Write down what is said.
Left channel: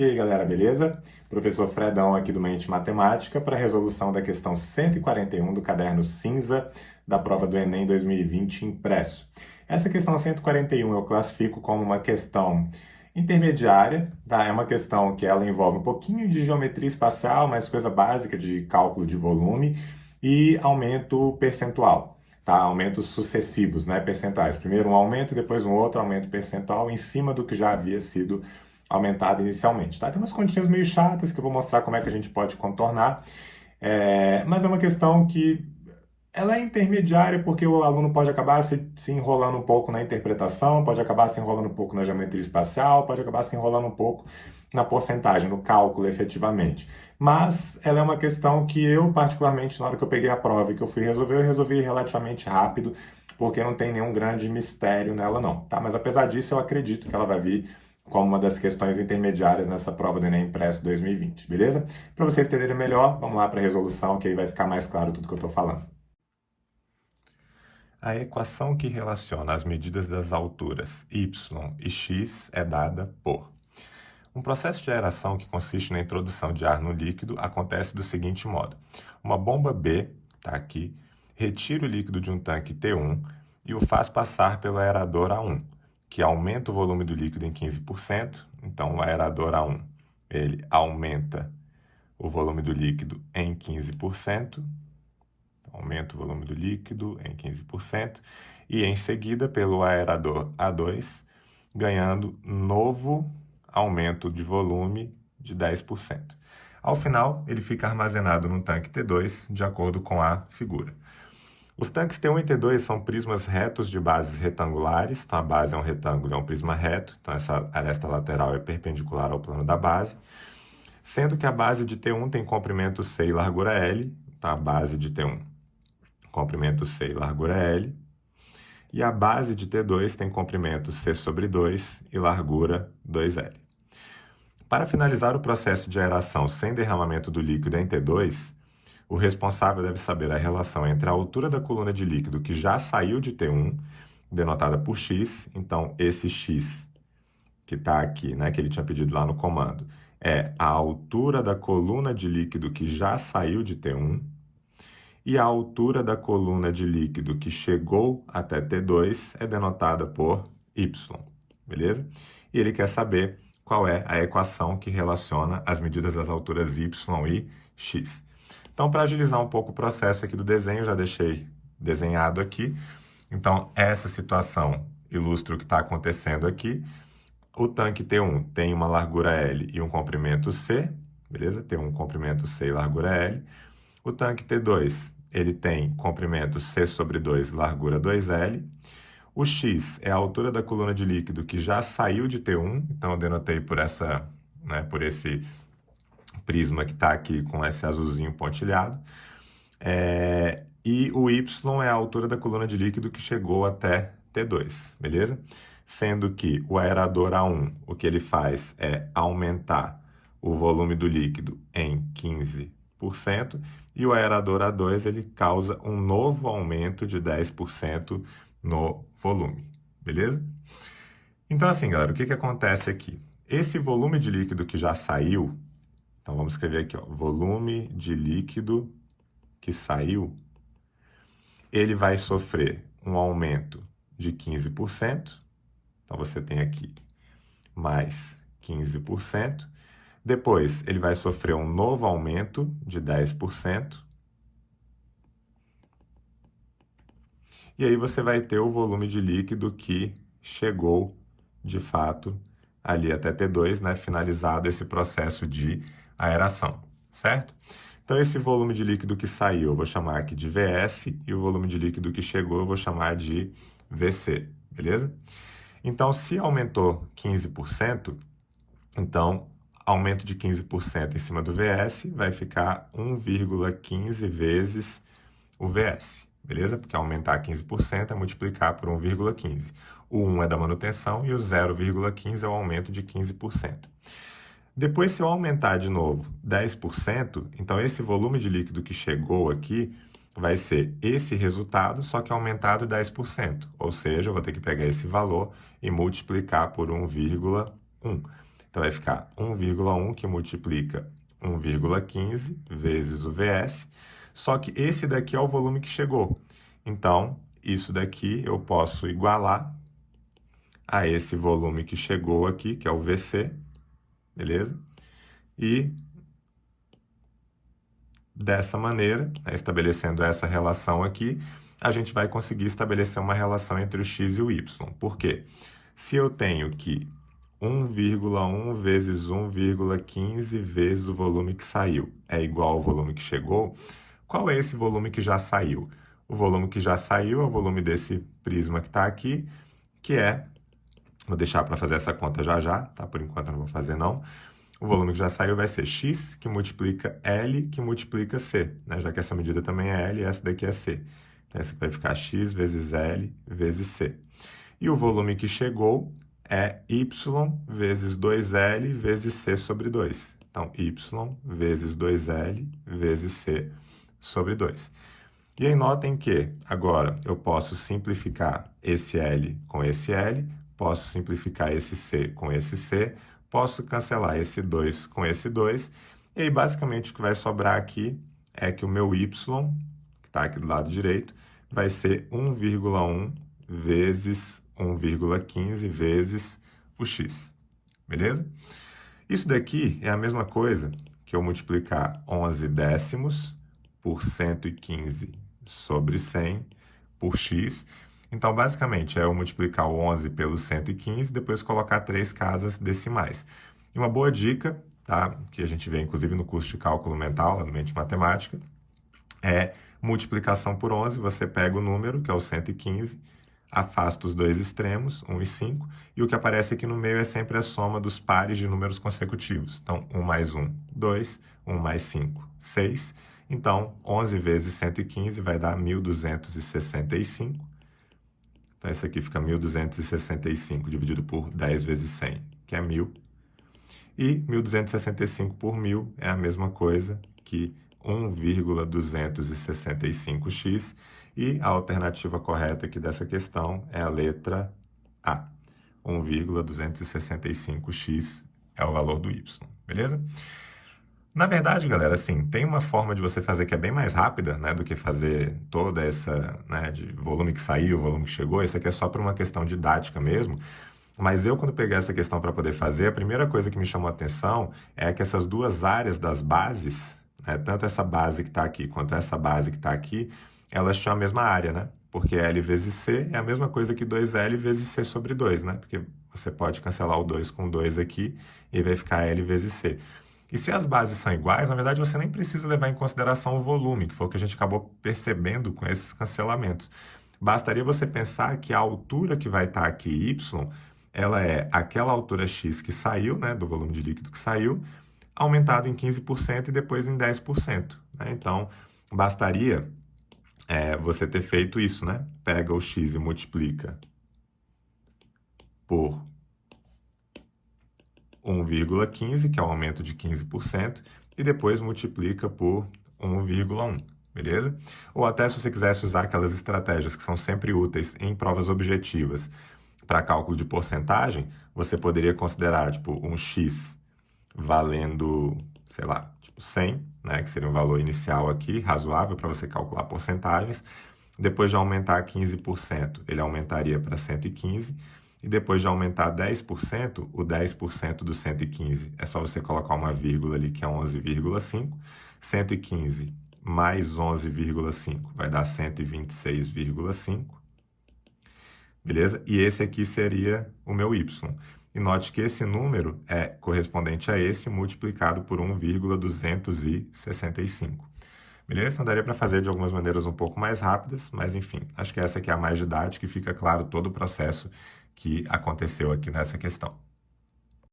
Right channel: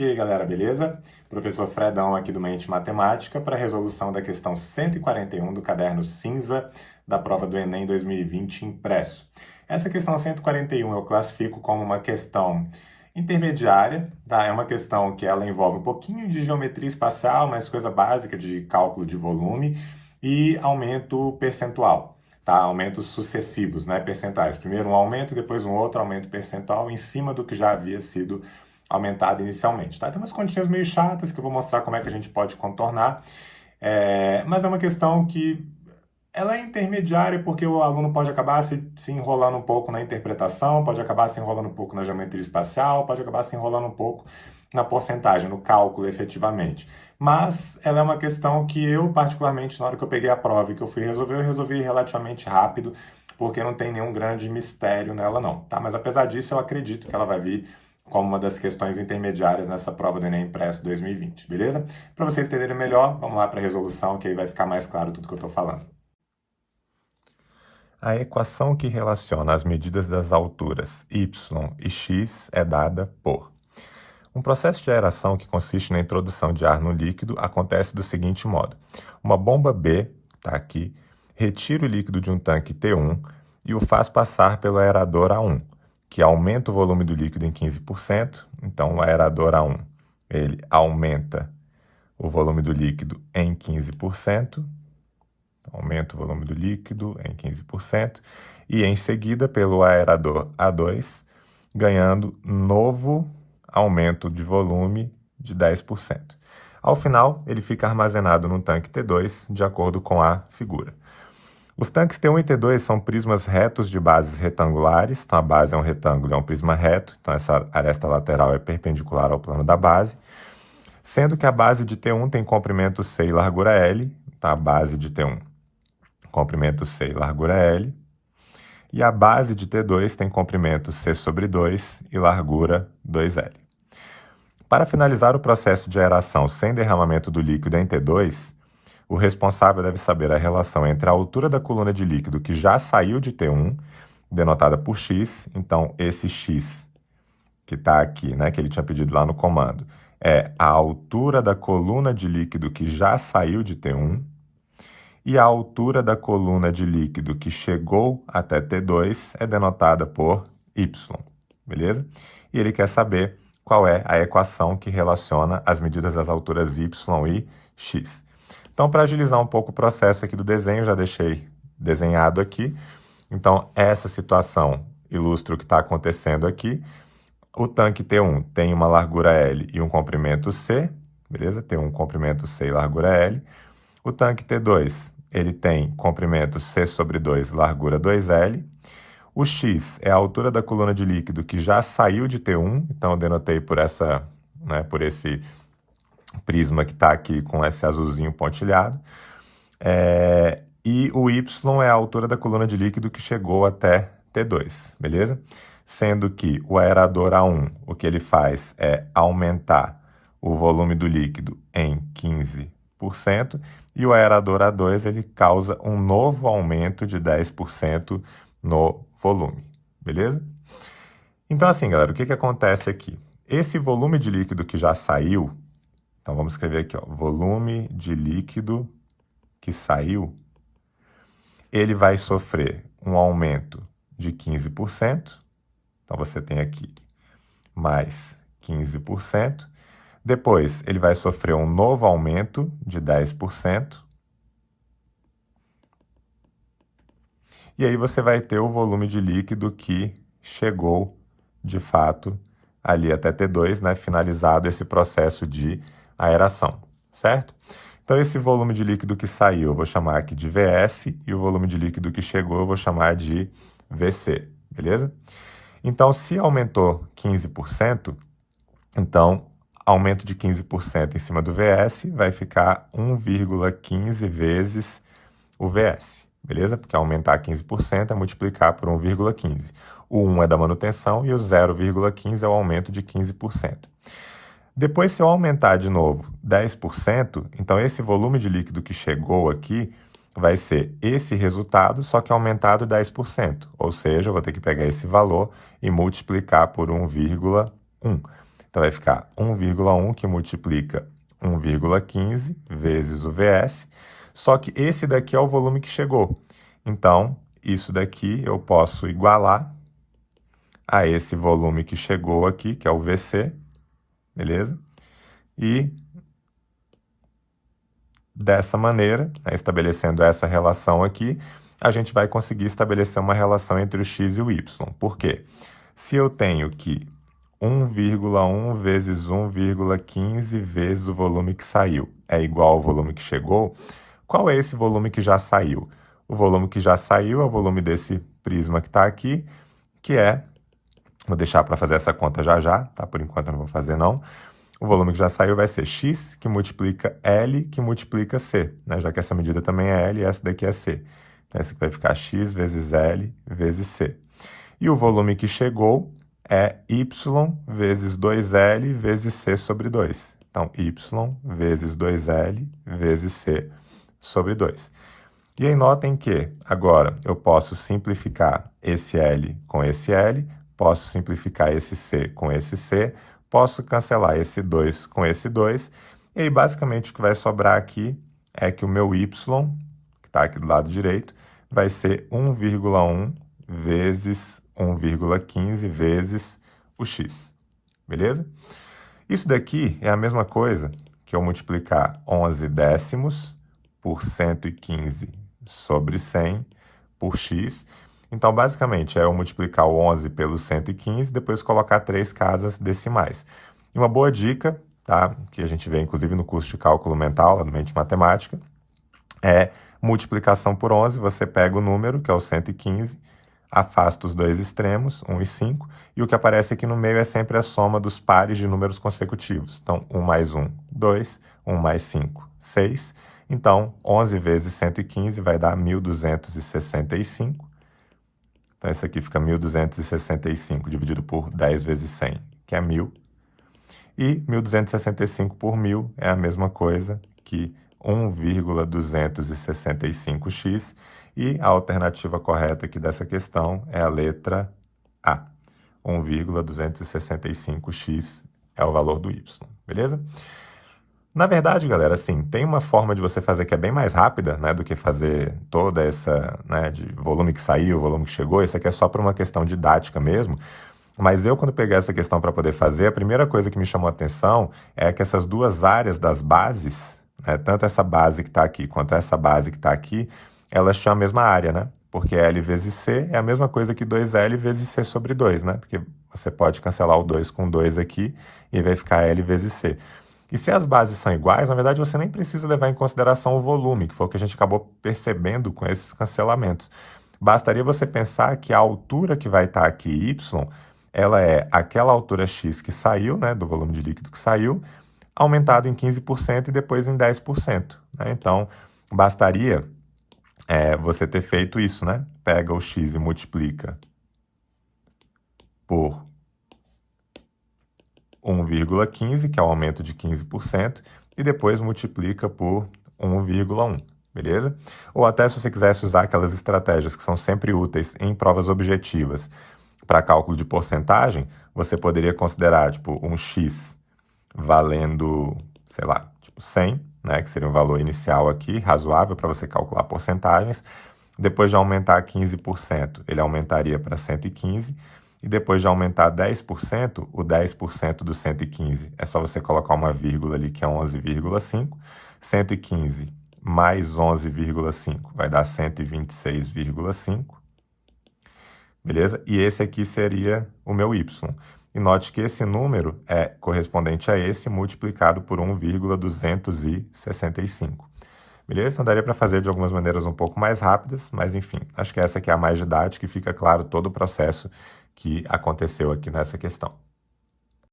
E aí, galera, beleza? Professor Fredão aqui do Mente Matemática para a resolução da questão 141 do caderno cinza da prova do Enem 2020 impresso. Essa questão 141 eu classifico como uma questão intermediária, tá? É uma questão que ela envolve um pouquinho de geometria espacial, mas coisa básica de cálculo de volume e aumento percentual. Tá? Aumentos sucessivos, né? Percentuais. Primeiro um aumento, depois um outro aumento percentual em cima do que já havia sido aumentado inicialmente. Tá? Tem umas continhas meio chatas que eu vou mostrar como é que a gente pode contornar, mas é uma questão que ela é intermediária porque o aluno pode acabar se enrolando um pouco na interpretação, pode acabar se enrolando um pouco na geometria espacial, pode acabar se enrolando um pouco na porcentagem, no cálculo efetivamente. Mas ela é uma questão que eu, particularmente, na hora que eu peguei a prova e que eu fui resolver, eu resolvi relativamente rápido, porque não tem nenhum grande mistério nela não, tá? Mas apesar disso, eu acredito que ela vai vir como uma das questões intermediárias nessa prova do Enem Impresso 2020, beleza? Para vocês entenderem melhor, vamos lá para a resolução, que aí vai ficar mais claro tudo que eu estou falando. A equação que relaciona as medidas das alturas y e x é dada por... Um processo de aeração que consiste na introdução de ar no líquido acontece do seguinte modo. Uma bomba B, está aqui, retira o líquido de um tanque T1 e o faz passar pelo aerador A1, que aumenta o volume do líquido em 15%. Então, o aerador A1 ele aumenta o volume do líquido em 15%. Aumenta o volume do líquido em 15%. E, em seguida, pelo aerador A2, ganhando novo aumento de volume de 10%. Ao final, ele fica armazenado no tanque T2, de acordo com a figura. Os tanques T1 e T2 são prismas retos de bases retangulares, então a base é um retângulo, é um prisma reto, então essa aresta lateral é perpendicular ao plano da base, sendo que a base de T1 tem comprimento C e largura L, tá? A base de T1, comprimento C e largura L, e a base de T2 tem comprimento C sobre 2 e largura 2L. Para finalizar o processo de aeração sem derramamento do líquido em T2, o responsável deve saber a relação entre a altura da coluna de líquido que já saiu de T1, denotada por x, então esse x que está aqui, né, que ele tinha pedido lá no comando, é a altura da coluna de líquido que já saiu de T1, e a altura da coluna de líquido que chegou até T2 é denotada por y, beleza? E ele quer saber qual é a equação que relaciona as medidas das alturas y e x. Então, para agilizar um pouco o processo aqui do desenho, já deixei desenhado aqui. Então, essa situação ilustra o que está acontecendo aqui. O tanque T1 tem uma largura L e um comprimento C, beleza? Tem um comprimento C e largura L. O tanque T2, ele tem comprimento C sobre 2, largura 2L. O X é a altura da coluna de líquido que já saiu de T1, então eu denotei por essa, né, por esse prisma que está aqui com esse azulzinho pontilhado. E o Y é a altura da coluna de líquido que chegou até T2, beleza? Sendo que o aerador A1, o que ele faz é aumentar o volume do líquido em 15%, e o aerador A2 ele causa um novo aumento de 10% no volume, beleza? Então, assim, galera, o que acontece aqui? Esse volume de líquido que já saiu, então vamos escrever aqui, ó, volume de líquido que saiu, ele vai sofrer um aumento de 15%, então você tem aqui mais 15%, depois ele vai sofrer um novo aumento de 10%, e aí você vai ter o volume de líquido que chegou, de fato, ali até T2, né, finalizado esse processo de aeração, certo? Então, esse volume de líquido que saiu, eu vou chamar aqui de VS, e o volume de líquido que chegou, eu vou chamar de VC, beleza? Então, se aumentou 15%, então, aumento de 15% em cima do VS vai ficar 1,15 vezes o VS, beleza? Porque aumentar 15% é multiplicar por 1,15. O 1 é da manutenção e o 0,15 é o aumento de 15%. Depois, se eu aumentar de novo 10%, então esse volume de líquido que chegou aqui vai ser esse resultado, só que aumentado 10%. Ou seja, eu vou ter que pegar esse valor e multiplicar por 1,1. Então, vai ficar 1,1 que multiplica 1,15 vezes o VS, só que esse daqui é o volume que chegou. Então, isso daqui eu posso igualar a esse volume que chegou aqui, que é o VC, beleza? E dessa maneira, né, estabelecendo essa relação aqui, a gente vai conseguir estabelecer uma relação entre o x e o y. Por quê? Se eu tenho que 1,1 vezes 1,15 vezes o volume que saiu é igual ao volume que chegou, qual é esse volume que já saiu? O volume que já saiu é o volume desse prisma que está aqui, que é, vou deixar para fazer essa conta já já, tá? Por enquanto eu não vou fazer não. O volume que já saiu vai ser x, que multiplica L, que multiplica C, né? Já que essa medida também é L e essa daqui é C. Então, esse aqui vai ficar x vezes L vezes C. E o volume que chegou é y vezes 2L vezes C sobre 2. Então, y vezes 2L vezes C sobre 2. E aí, notem que agora eu posso simplificar esse L com esse L, posso simplificar esse C com esse C, posso cancelar esse 2 com esse 2, e aí basicamente o que vai sobrar aqui é que o meu y, que está aqui do lado direito, vai ser 1,1 vezes 1,15 vezes o x, beleza? Isso daqui é a mesma coisa que eu multiplicar 11 décimos por 115 sobre 100 por x. Então, basicamente, é eu multiplicar o 11 pelo 115 e depois colocar 3 casas decimais. E uma boa dica, tá, que a gente vê inclusive no curso de cálculo mental, lá no Mente Matemática, é multiplicação por 11. Você pega o número, que é o 115, afasta os dois extremos, 1 e 5, e o que aparece aqui no meio é sempre a soma dos pares de números consecutivos. Então, 1 mais 1, 2, 1 mais 5, 6. Então, 11 vezes 115 vai dar 1.265. Então, isso aqui fica 1.265 dividido por 10 vezes 100, que é 1.000. E 1.265 por 1.000 é a mesma coisa que 1,265x. E a alternativa correta aqui dessa questão é a letra A. 1,265x é o valor do y, beleza? Na verdade, galera, assim, tem uma forma de você fazer que é bem mais rápida, né, do que fazer toda essa, né, de volume que saiu, volume que chegou. Isso aqui é só por uma questão didática mesmo. Mas eu, quando peguei essa questão para poder fazer, a primeira coisa que me chamou a atenção é que essas duas áreas das bases, né, tanto essa base que está aqui quanto essa base que está aqui, elas tinham a mesma área, né? Porque L vezes C é a mesma coisa que 2L vezes C sobre 2, né? Porque você pode cancelar o 2 com 2 aqui e vai ficar L vezes C. E se as bases são iguais, na verdade você nem precisa levar em consideração o volume, que foi o que a gente acabou percebendo com esses cancelamentos. Bastaria você pensar que a altura que vai estar aqui, y, ela é aquela altura x que saiu, né, do volume de líquido que saiu, aumentado em 15% e depois em 10%. Né? Então, bastaria você ter feito isso, né? Pega o x e multiplica por 1,15, que é o aumento de 15%, e depois multiplica por 1,1, beleza? Ou até se você quisesse usar aquelas estratégias que são sempre úteis em provas objetivas para cálculo de porcentagem, você poderia considerar, tipo, um x valendo, sei lá, tipo 100, né, que seria o valor inicial aqui, razoável para você calcular porcentagens. Depois de aumentar 15%, ele aumentaria para 115. E depois de aumentar 10%, o 10% do 115 é só você colocar uma vírgula ali, que é 11,5. 115 mais 11,5 vai dar 126,5. Beleza? E esse aqui seria o meu y. E note que esse número é correspondente a esse multiplicado por 1,265. Beleza? Então daria para fazer de algumas maneiras um pouco mais rápidas, mas enfim, acho que essa aqui é a mais didática e fica claro todo o processo que aconteceu aqui nessa questão.